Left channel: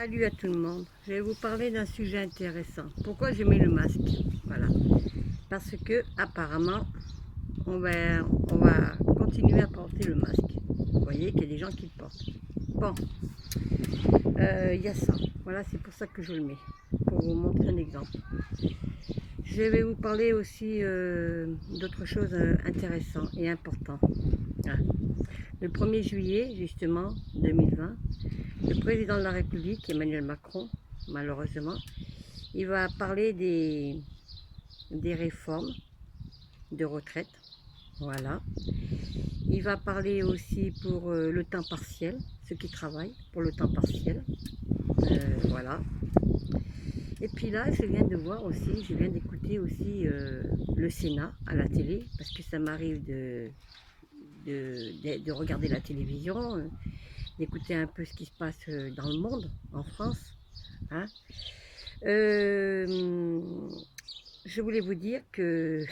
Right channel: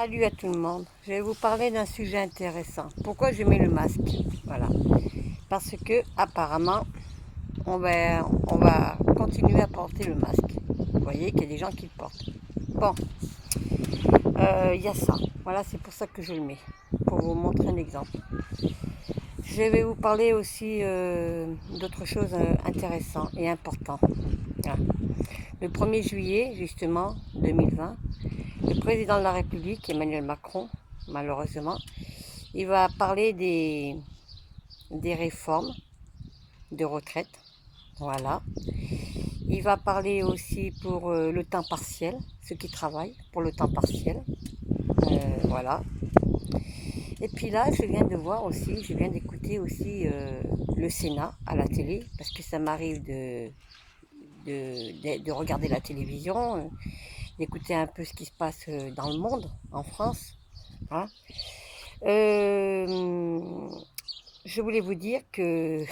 Salut à tout le monde. Je vais vous parler d'un sujet intéressant. Pourquoi je mets le masque? Voilà. Parce que apparemment, on va continuer à porter le masque. Vous voyez qu'il y a des gens qui le portent. Bon, il y a ça. Voilà, c'est pour ça que je le mets. Pour vous montrer un exemple. Je vais vous parler aussi d'autres choses intéressantes et importantes. Voilà. Le 1er juillet, justement, 2020, le président de la République, Emmanuel Macron, malheureusement, il va parler des réformes de retraite. Voilà. Il va parler aussi pour le temps partiel, ceux qui travaillent pour le temps partiel. Voilà. Et puis là, je viens de voir aussi, je viens d'écouter aussi le Sénat à la télé, parce que ça m'arrive de regarder la télévision, d'écouter un peu ce qui se passe dans le monde, en France. Hein. Euh, je voulais vous dire que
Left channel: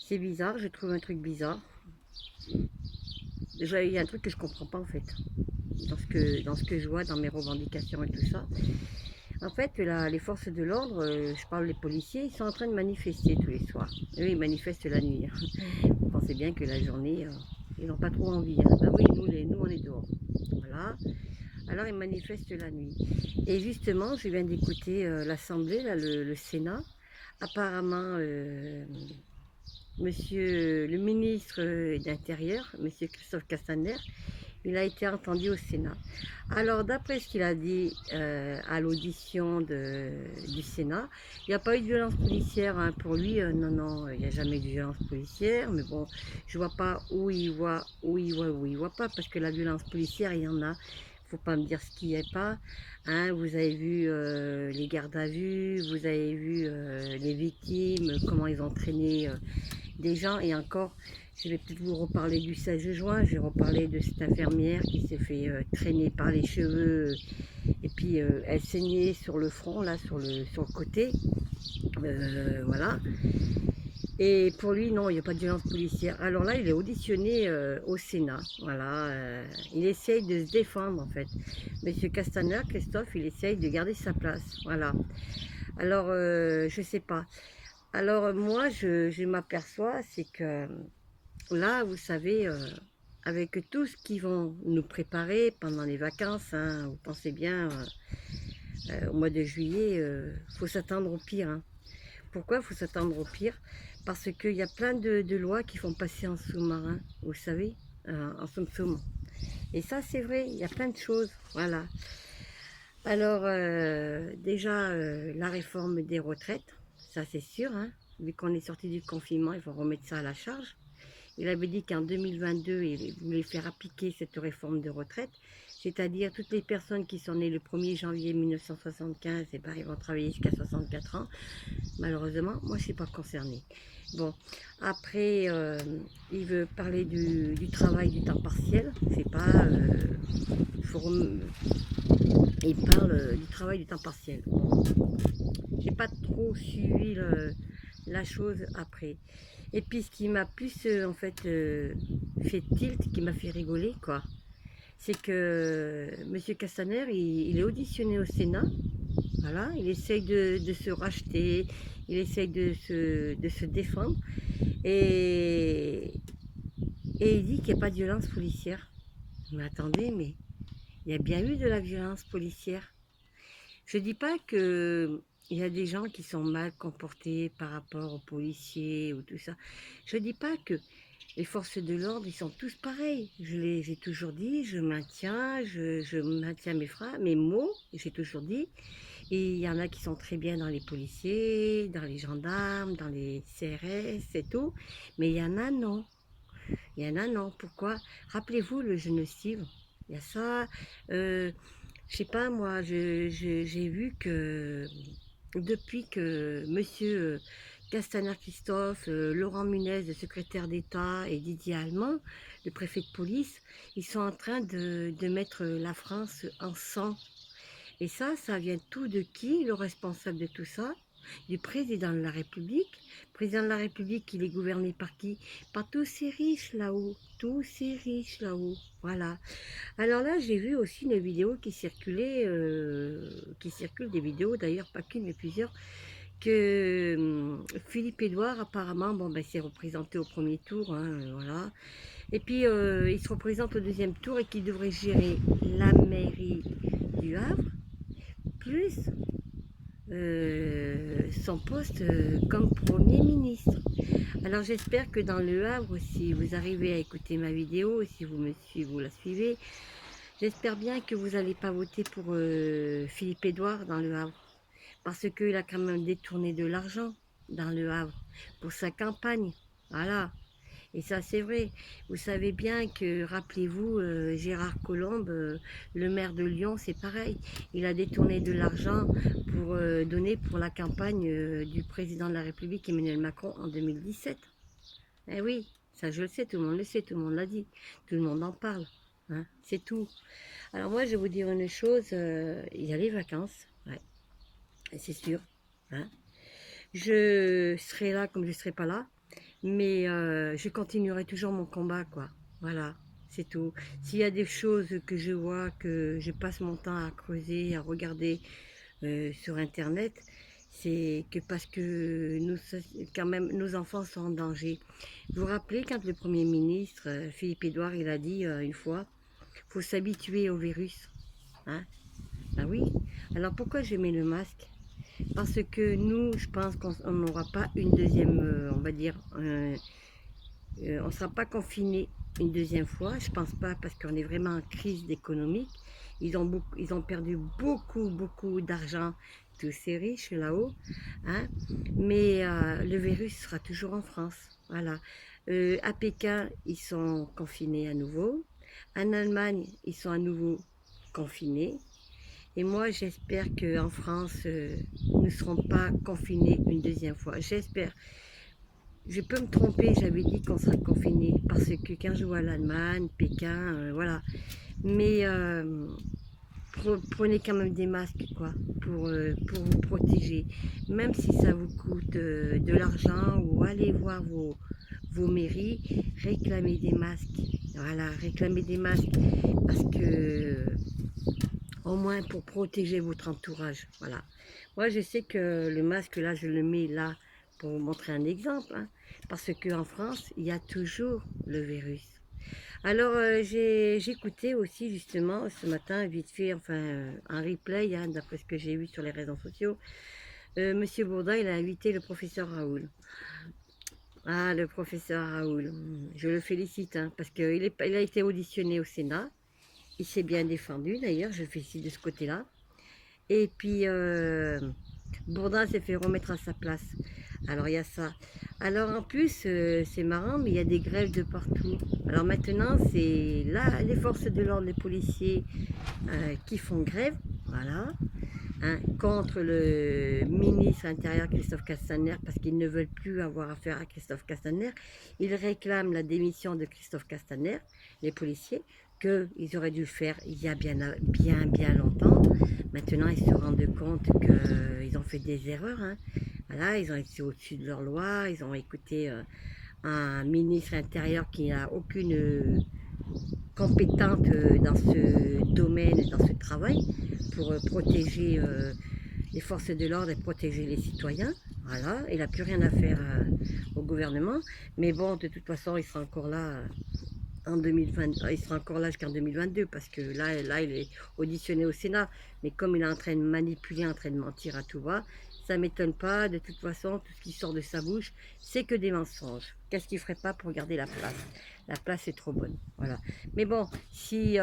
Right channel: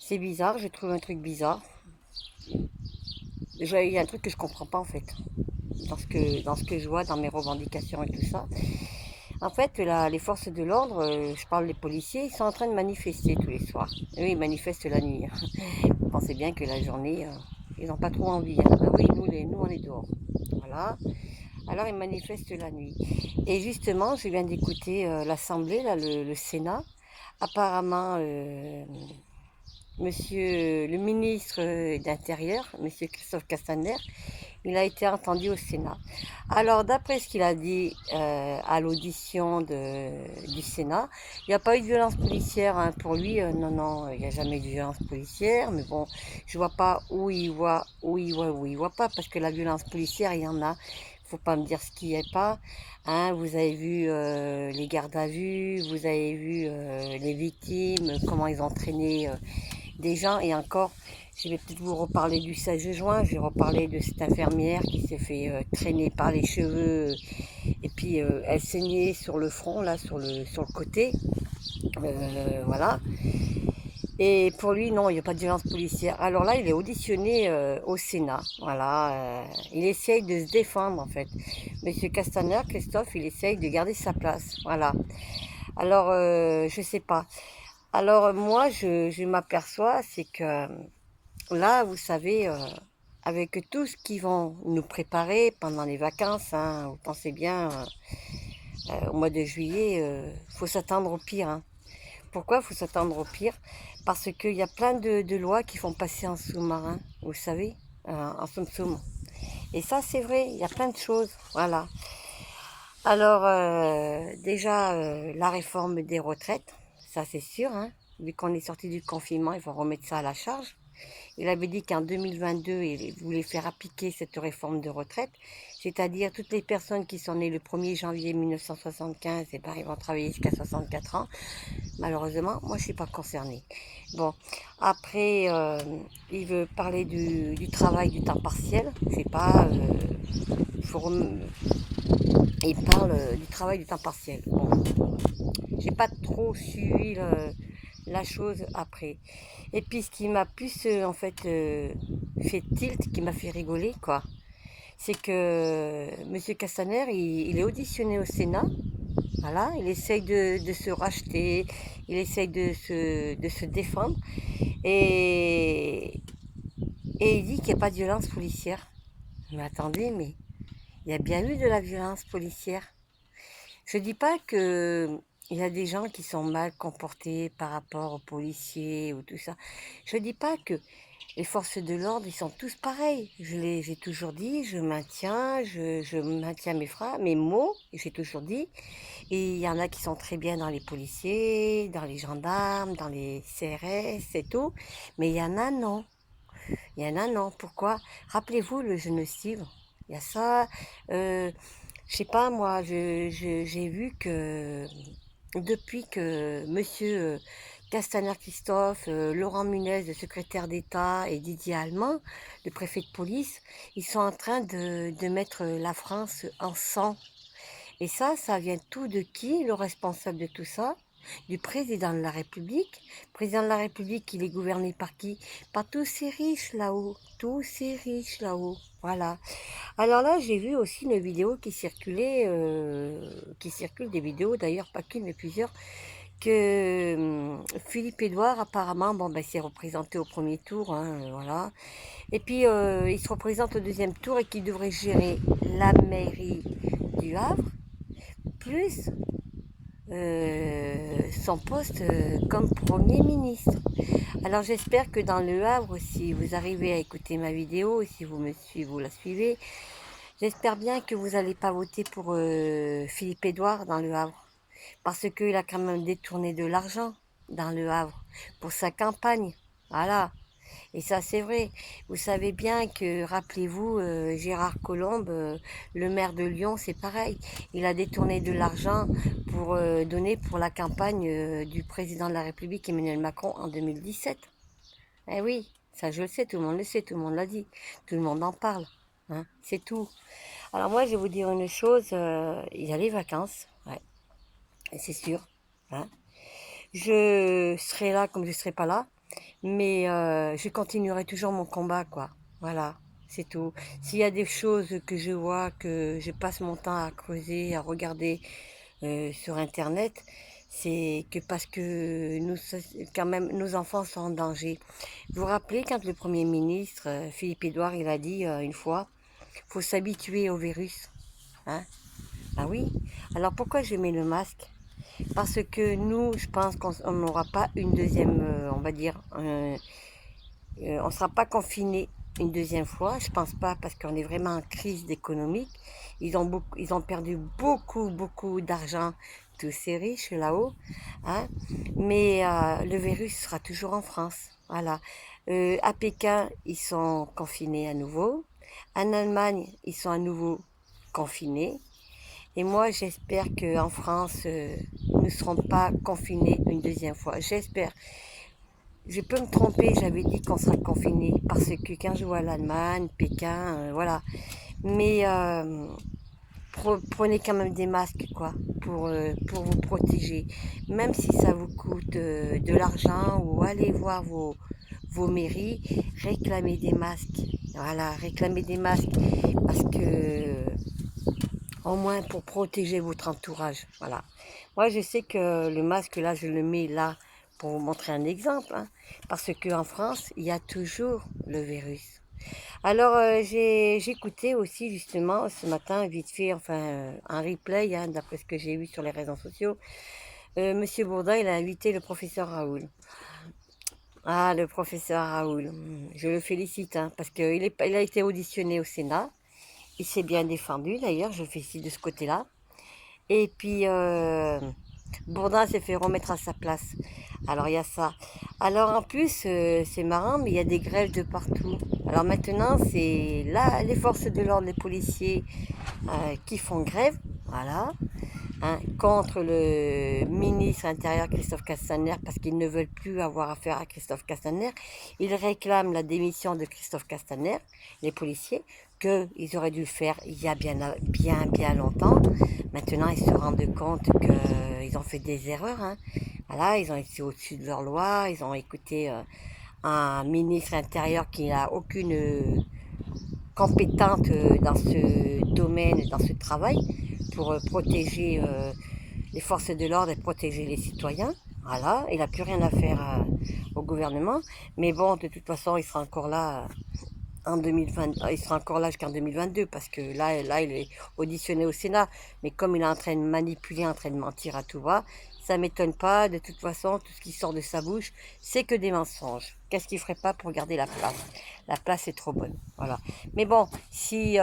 c'est bizarre, je trouve un truc bizarre. Déjà, il y a un truc que je comprends pas en fait, dans ce que je vois, dans mes revendications et tout ça. En fait, là, les forces de l'ordre, je parle des policiers, ils sont en train de manifester tous les soirs. Eux, ils manifestent la nuit. Vous pensez bien que la journée, ils n'ont pas trop envie. Hein. Ben oui, nous, on est dehors. Voilà. Alors, ils manifestent la nuit. Et justement, je viens d'écouter l'Assemblée, là, le Sénat. Apparemment, Monsieur le ministre d'Intérieur, Monsieur Christophe Castaner, il a été entendu au Sénat. Alors, d'après ce qu'il a dit à l'audition du Sénat, il n'y a pas eu de violence policière hein, pour lui. Non, non, il n'y a jamais eu de violence policière. Mais bon, je vois pas où il voit pas, parce que la violence policière, il y en a. Faut pas me dire ce qu'il n'y a pas. Hein, vous avez vu les gardes à vue, vous avez vu les victimes, comment ils ont traîné des gens. Et encore, je vais peut-être vous reparler du 16 juin, je vais reparler de cette infirmière qui s'est fait traîner par les cheveux et puis elle saignait sur le front, là, sur le côté. Voilà. Et pour lui, non, il n'y a pas de violence policière. Alors là, il est auditionné au Sénat. Voilà. Il essaye de se défendre, en fait. Monsieur Castaner, Christophe, il essaye de garder sa place. Voilà. Alors, je sais pas. Alors, moi, je m'aperçois, c'est que là, vous savez, avec tout ce qu'ils vont nous préparer pendant les vacances, hein, vous pensez bien, au mois de juillet, faut s'attendre au pire. Hein. Pourquoi faut s'attendre au pire? Parce qu'il y a plein de lois qui font passer en sous-marin, vous savez, en soum-soum. Et ça, c'est vrai, il y a plein de choses, voilà. Alors, déjà, la réforme des retraites, ça c'est sûr, hein. Vu qu'on est sorti du confinement, il faut remettre ça à la charge. Il avait dit qu'en 2022, il voulait faire appliquer cette réforme de retraite, c'est-à-dire toutes les personnes qui sont nées le 1er janvier 1975, et ben, ils vont travailler jusqu'à 64 ans. Malheureusement, moi, je ne suis pas concernée. Bon, après, il veut parler du travail du temps partiel. C'est pas... il parle du travail du temps partiel. Bon, j'ai pas trop suivi la chose après. Et puis ce qui m'a plus en fait fait tilt, qui m'a fait rigoler quoi, c'est que Monsieur Castaner, il est auditionné au Sénat. Voilà, il essaye de se racheter, il essaye de se défendre et, et il dit qu'il n'y a pas de violence policière. Mais attendez, mais il y a bien eu de la violence policière. Je dis pas que il y a des gens qui sont mal comportés par rapport aux policiers ou tout ça. Je dis pas que les forces de l'ordre, ils sont tous pareils. J'ai toujours dit, je maintiens mes mots, j'ai toujours dit. Et il y en a qui sont très bien dans les policiers, dans les gendarmes, dans les CRS et tout. Mais il y en a non. Il y en a non. Pourquoi? Rappelez-vous le génocide. Il y a ça. Je sais pas, moi, j'ai vu que depuis que Monsieur Castaner Christophe, Laurent Munez, le secrétaire d'État, et Didier Allemand, le préfet de police, ils sont en train de mettre la France en sang. Et ça vient tout de qui, le responsable de tout ça? du président de la République. Le président de la République, il est gouverné par qui? Par tous ces riches là-haut. Tous ces riches là-haut. Voilà. Alors là, j'ai vu aussi une vidéo qui circule des vidéos, d'ailleurs pas qu'une mais plusieurs, que Philippe Édouard apparemment, bon ben s'est représenté au premier tour, hein, voilà. Et puis il se représente au deuxième tour et qu'il devrait gérer la mairie du Havre, plus son poste comme Premier ministre. Alors j'espère que dans le Havre, si vous arrivez à écouter ma vidéo, si vous me suivez, vous la suivez, j'espère bien que vous n'allez pas voter pour Philippe Édouard dans le Havre. Parce qu'il a quand même détourné de l'argent dans le Havre pour sa campagne. Voilà. Et ça, c'est vrai. Vous savez bien que, rappelez-vous, Gérard Collomb, le maire de Lyon, c'est pareil. Il a détourné de l'argent pour donner pour la campagne du président de la République, Emmanuel Macron, en 2017. Eh oui, ça je le sais, tout le monde le sait, tout le monde l'a dit. Tout le monde en parle. Hein, c'est tout. Alors moi, je vais vous dire une chose, il y a les vacances, ouais, c'est sûr. Hein. Je serai là comme je ne serai pas là. Mais je continuerai toujours mon combat, quoi. Voilà, c'est tout. S'il y a des choses que je vois, que je passe mon temps à creuser, à regarder sur Internet, c'est que parce que nous, quand même, nos enfants sont en danger. Vous vous rappelez quand le Premier ministre, Philippe Édouard, il a dit une fois, faut s'habituer au virus. Hein? Ben oui. Alors pourquoi je mets le masque? Parce que nous, je pense qu'on n'aura pas une deuxième, on va dire, on ne sera pas confiné une deuxième fois. Je pense pas parce qu'on est vraiment en crise économique. Ils ont perdu beaucoup d'argent, tous ces riches là-haut. Hein. Mais le virus sera toujours en France. Voilà. À Pékin, ils sont confinés à nouveau. En Allemagne, ils sont à nouveau confinés. Et moi, j'espère qu'en France, nous ne serons pas confinés une deuxième fois. J'espère. Je peux me tromper, j'avais dit qu'on sera confiné parce que quand je vois l'Allemagne, Pékin, voilà. Mais prenez quand même des masques, quoi, pour vous protéger. Même si ça vous coûte de l'argent ou allez voir vos mairies, réclamez des masques. Voilà, réclamez des masques parce que au moins pour protéger votre entourage. Voilà. Moi, je sais que le masque, là, je le mets là pour vous montrer un exemple. Hein, parce qu'en France, il y a toujours le virus. Alors, j'ai écouté aussi, justement, ce matin, vite fait, enfin, un replay, hein, d'après ce que j'ai vu sur les réseaux sociaux. Monsieur Bourdin, il a invité le professeur Raoul. Ah, le professeur Raoul, je le félicite, hein, parce qu'il il a été auditionné au Sénat. Il s'est bien défendu, d'ailleurs, je le félicite de ce côté-là. Et puis, Bourdin s'est fait remettre à sa place. Alors, il y a ça. Alors, en plus, c'est marrant, mais il y a des grèves de partout. Alors maintenant, c'est là les forces de l'ordre, les policiers qui font grève, voilà, hein, contre le ministre intérieur Christophe Castaner, parce qu'ils ne veulent plus avoir affaire à Christophe Castaner. Ils réclament la démission de Christophe Castaner, les policiers, qu'ils auraient dû le faire il y a bien longtemps. Maintenant, ils se rendent compte qu'ils ont fait des erreurs. Hein. Voilà, ils ont été au-dessus de leur loi, ils ont écouté un ministre intérieur qui n'a aucune compétente dans ce domaine, dans ce travail, pour protéger les forces de l'ordre et protéger les citoyens. Voilà, il n'a plus rien à faire au gouvernement. Mais bon, de toute façon, il sera encore là en 2020, il sera encore là jusqu'en 2022 parce que là, il est auditionné au Sénat. Mais comme il est en train de manipuler, en train de mentir à tout va, ça m'étonne pas. De toute façon, tout ce qui sort de sa bouche, c'est que des mensonges. Qu'est-ce qu'il ferait pas pour garder la place? La place est trop bonne. Voilà. Mais bon, si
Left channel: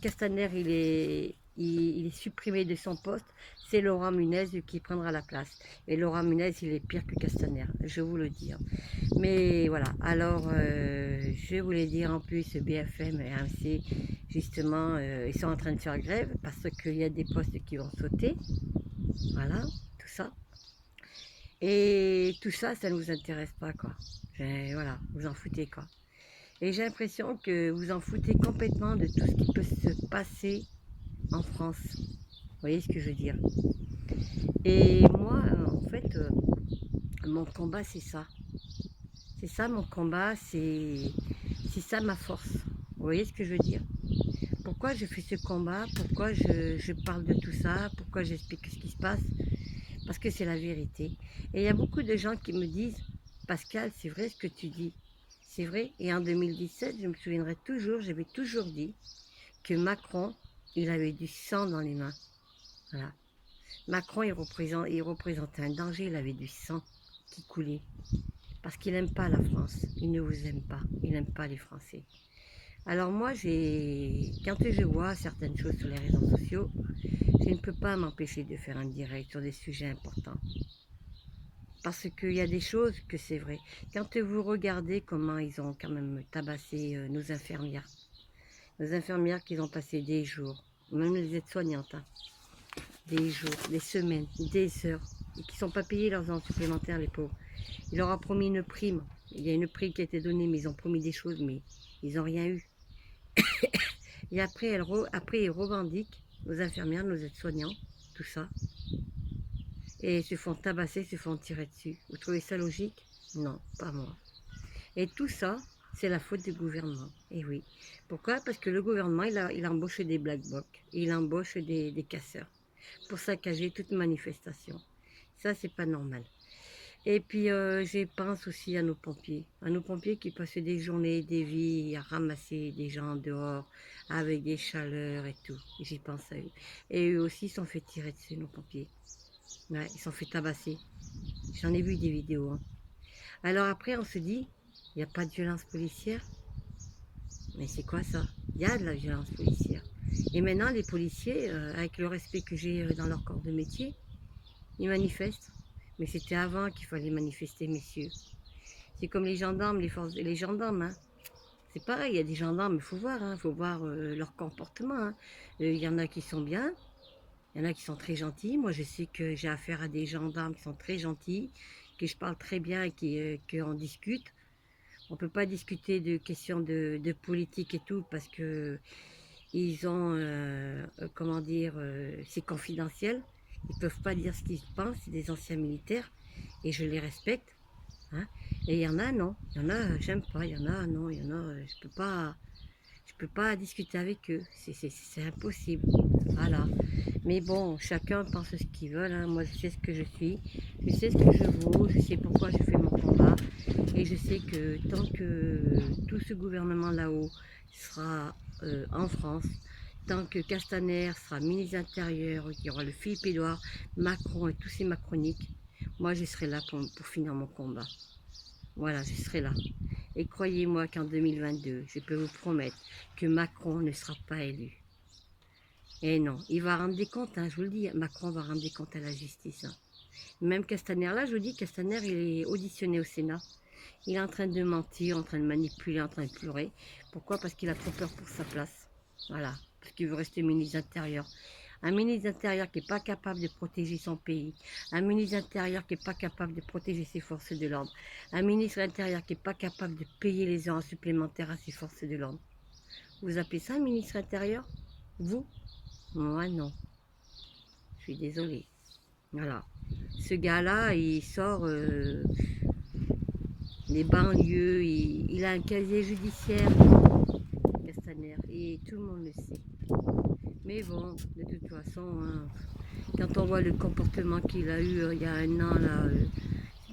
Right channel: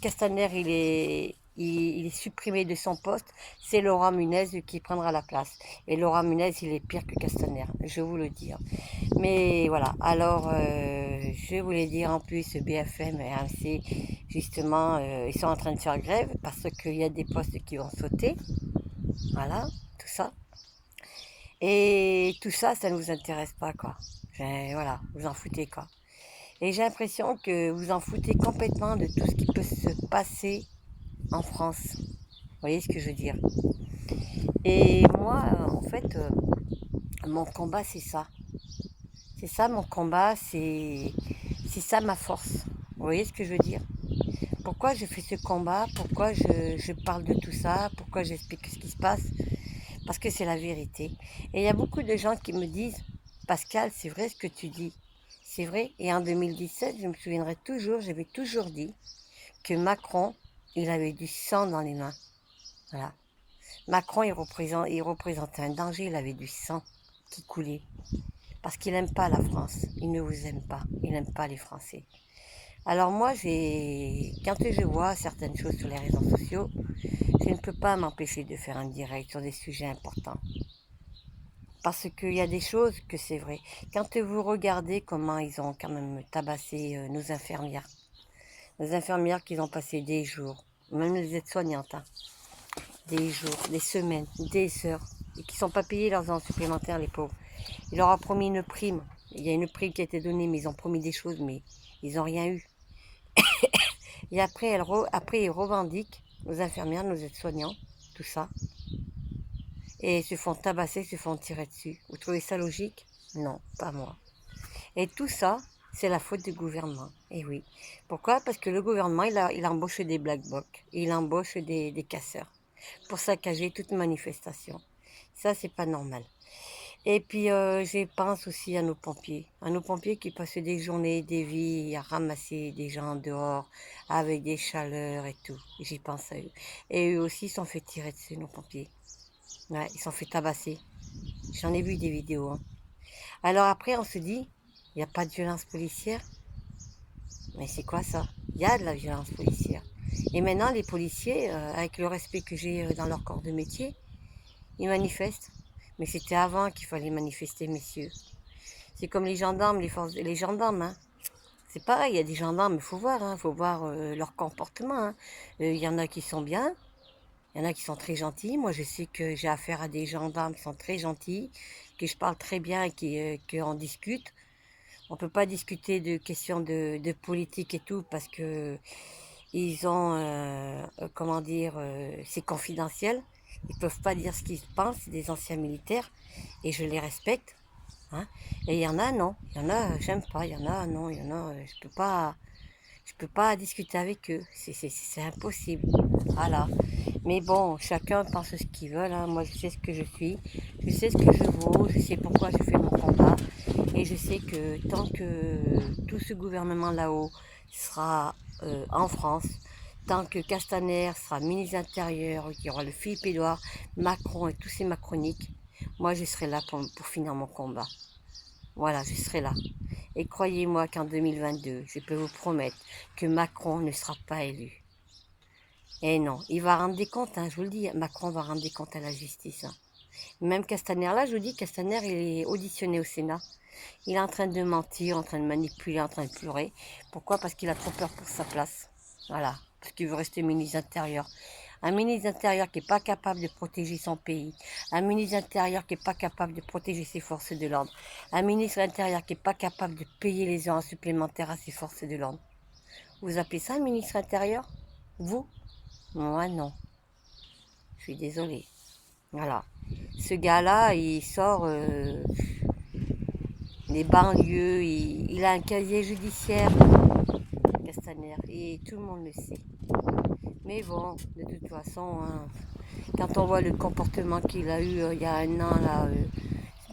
Castaner il est supprimé de son poste, c'est Laurent Munez qui prendra la place. Et Laurent Munez, il est pire que Castaner, je vous le dis. Hein. Mais voilà, alors je voulais dire en plus BFM et AMC, justement, ils sont en train de faire grève parce qu'il y a des postes qui vont sauter. Voilà, tout ça. Et tout ça, ça ne vous intéresse pas, quoi. Voilà, vous en foutez, quoi. Et j'ai l'impression que vous en foutez complètement de tout ce qui peut se passer en France. Vous voyez ce que je veux dire? Et moi, en fait, mon combat, c'est ça. C'est ça mon combat, c'est ça ma force. Vous voyez ce que je veux dire? Pourquoi je fais ce combat? Pourquoi je parle de tout ça? Pourquoi j'explique ce qui se passe? Parce que c'est la vérité. Et il y a beaucoup de gens qui me disent, Pascal, c'est vrai ce que tu dis. C'est vrai. Et en 2017, je me souviendrai toujours, j'avais toujours dit que Macron, il avait du sang dans les mains. Voilà. Macron, il représentait un danger, il avait du sang qui coulait. Parce qu'il n'aime pas la France. Il ne vous aime pas. Il n'aime pas les Français. Alors moi, quand je vois certaines choses sur les réseaux sociaux, je ne peux pas m'empêcher de faire un direct sur des sujets importants. Parce qu'il y a des choses que c'est vrai. Quand vous regardez comment ils ont quand même tabassé nos infirmières qui ont passé des jours, même les aides-soignantes, hein, des jours, des semaines, des heures, et qui ne sont pas payés leurs heures supplémentaires, les pauvres. Il leur a promis une prime. Il y a une prime qui a été donnée, mais ils ont promis des choses, mais ils n'ont rien eu. Et après, ils revendiquent, nos infirmières, nos aides-soignants, tout ça, et se font tabasser, se font tirer dessus. Vous trouvez ça logique? Non, pas moi. Et tout ça, c'est la faute du gouvernement. Et oui. Pourquoi? Parce que le gouvernement, il embauche des black blocs, il embauche des casseurs pour saccager toute manifestation. Ça, c'est pas normal. Et puis, je pense aussi à nos pompiers qui passent des journées, des vies à ramasser des gens dehors avec des chaleurs et tout. J'y pense à eux. Et eux aussi sont fait tirer dessus, nos pompiers. Ouais, ils sont fait tabasser. J'en ai vu des vidéos, hein. Alors après, on se dit, il n'y a pas de violence policière. Mais c'est quoi ça? Il y a de la violence policière. Et maintenant, les policiers, avec le respect que j'ai dans leur corps de métier, ils manifestent. Mais c'était avant qu'il fallait manifester, messieurs. C'est comme les gendarmes, les gendarmes, hein. C'est pareil, il y a des gendarmes, il faut voir, hein, faut voir leur comportement, hein. Il y en a qui sont bien, il y en a qui sont très gentils. Moi, je sais que j'ai affaire à des gendarmes qui sont très gentils, que je parle très bien et qu'on discute. On ne peut pas discuter de questions de politique et tout parce que ils ont, comment dire, c'est confidentiel. Ils ne peuvent pas dire ce qu'ils pensent, c'est des anciens militaires et je les respecte. Hein. Et il y en a, non. Il y en a, j'aime pas. Il y en a, non. Il y en a, je peux pas discuter avec eux. C'est impossible. Voilà. Mais bon, chacun pense ce qu'il veut. Hein. Moi, je sais ce que je suis. Je sais ce que je vaux. Je sais pourquoi je fais mon combat. Et je sais que tant que tout ce gouvernement là-haut sera en France, tant que Castaner sera ministre de l'Intérieur, qu'il y aura le Philippe Édouard, Macron et tous ces macroniques, moi je serai là pour finir mon combat. Voilà, je serai là. Et croyez-moi qu'en 2022, je peux vous promettre que Macron ne sera pas élu. Et non, il va rendre des comptes, hein, je vous le dis, Macron va rendre des comptes à la justice. Hein. Même Castaner, là, je vous dis, Castaner, il est auditionné au Sénat. Il est en train de mentir, en train de manipuler, en train de pleurer. Pourquoi? Parce qu'il a trop peur pour sa place. Voilà, parce qu'il veut rester ministre intérieur. Un ministre intérieur qui n'est pas capable de protéger son pays. Un ministre intérieur qui n'est pas capable de protéger ses forces de l'ordre. Un ministre intérieur qui n'est pas capable de payer les heures supplémentaires à ses forces de l'ordre. Vous appelez ça un ministre intérieur? Vous? Moi, non. Je suis désolée. Voilà. Ce gars-là, il sort des banlieues, il a un casier judiciaire, Castaner, et tout le monde le sait. Mais bon, de toute façon, hein, quand on voit le comportement qu'il a eu il y a un an là,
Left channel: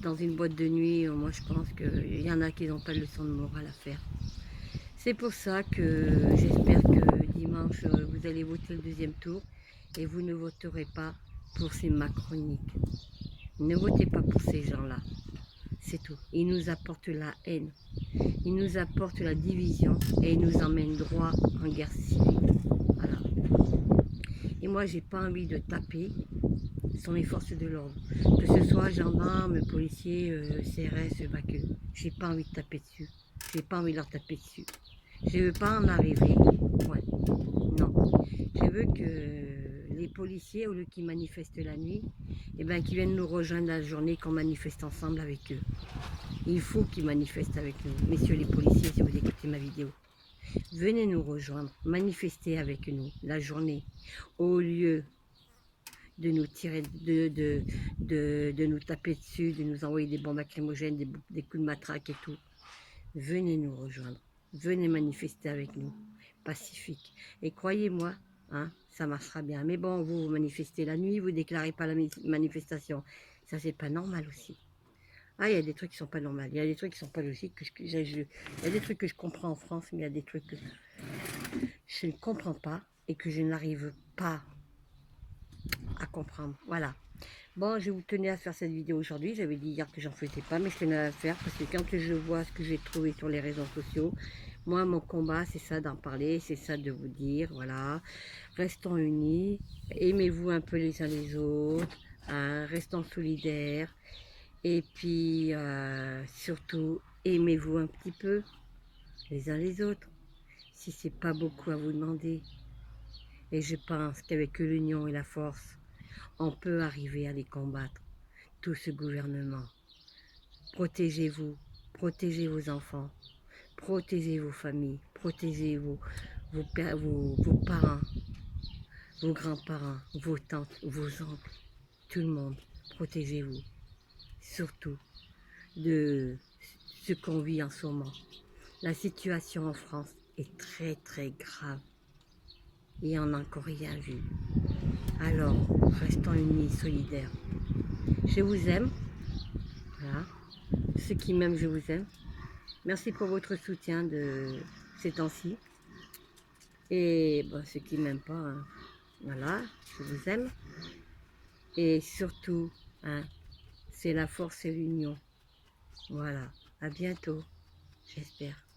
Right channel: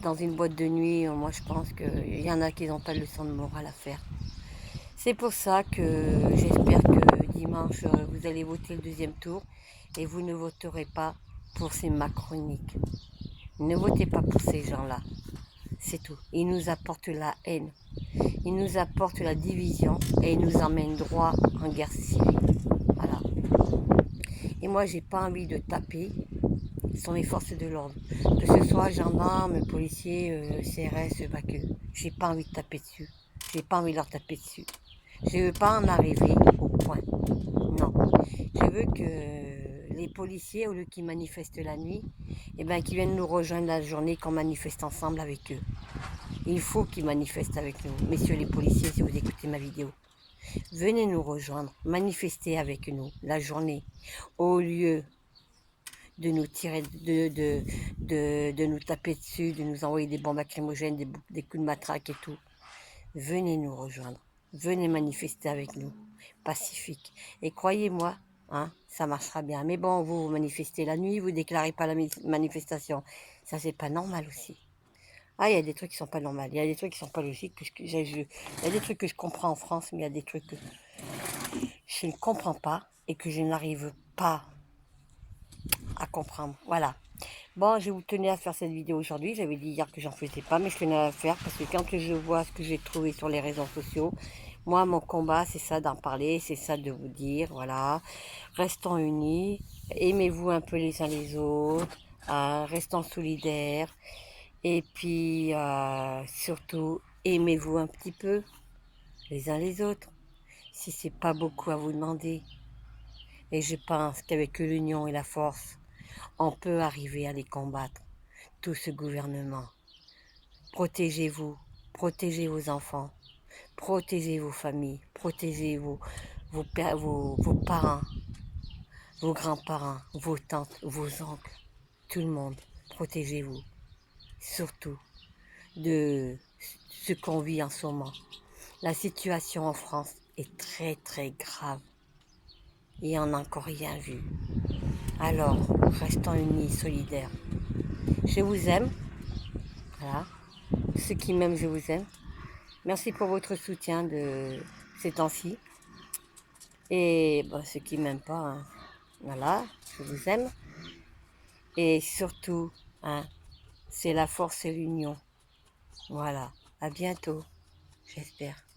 dans une boîte de nuit, moi je pense qu'il y en a qui n'ont pas de leçon de morale à faire. C'est pour ça que j'espère que dimanche vous allez voter le deuxième tour et vous ne voterez pas pour ces macroniques. Ne votez pas pour ces gens-là. C'est tout. Ils nous apportent la haine. Ils nous apportent la division et ils nous emmènent droit en guerre civile. Voilà. Et moi, j'ai pas envie de taper sur les forces de l'ordre. Que ce soit gendarmes, policiers, CRS, BAC. J'ai pas envie de taper dessus. J'ai pas envie de leur taper dessus. Je veux pas en arriver au point. Non. Je veux que les policiers, au lieu qu'ils manifestent la nuit, eh ben, qu'ils viennent nous rejoindre la journée, qu'on manifeste ensemble avec eux. Il faut qu'ils manifestent avec nous. Messieurs les policiers, si vous écoutez ma vidéo, venez nous rejoindre, manifester avec nous la journée, au lieu de nous tirer, de nous taper dessus, de nous envoyer des bombes lacrymogènes, des coups de matraque et tout. Venez nous rejoindre, venez manifester avec nous, pacifique. Et croyez-moi, hein, ça marchera bien. Mais bon, vous manifestez la nuit, vous déclarez pas la manifestation. Ça, c'est pas normal aussi. Ah, il y a des trucs qui sont pas normaux, il y a des trucs qui sont pas logiques. Il y a des trucs que je comprends en France, mais il y a des trucs que je ne comprends pas et que je n'arrive pas à comprendre. Voilà. Bon, je vous tenais à faire cette vidéo aujourd'hui. J'avais dit hier que j'en faisais pas, mais je tenais à la faire parce que quand je vois ce que j'ai trouvé sur les réseaux sociaux, moi, mon combat, c'est ça d'en parler, c'est ça de vous dire, voilà, restons unis, aimez-vous un peu les uns les autres, restons solidaires, et puis surtout, aimez-vous un petit peu les uns les autres, si c'est pas beaucoup à vous demander. Et je pense qu'avec l'union et la force, on peut arriver à les combattre, tout ce gouvernement. Protégez-vous, protégez vos enfants, protégez vos familles, protégez vos parents, vos grands-parents, vos tantes, vos oncles, tout le monde. Protégez-vous, surtout de ce qu'on vit en ce moment. La situation en France est très très grave et on n'a encore rien vu. Alors, restons unis, solidaires. Je vous aime, voilà. Ceux qui m'aiment, je vous aime. Merci pour votre soutien de ces temps-ci. Et bon, ceux qui m'aiment pas, hein, voilà, je vous aime. Et surtout, hein, c'est la force et l'union. Voilà, à bientôt, j'espère.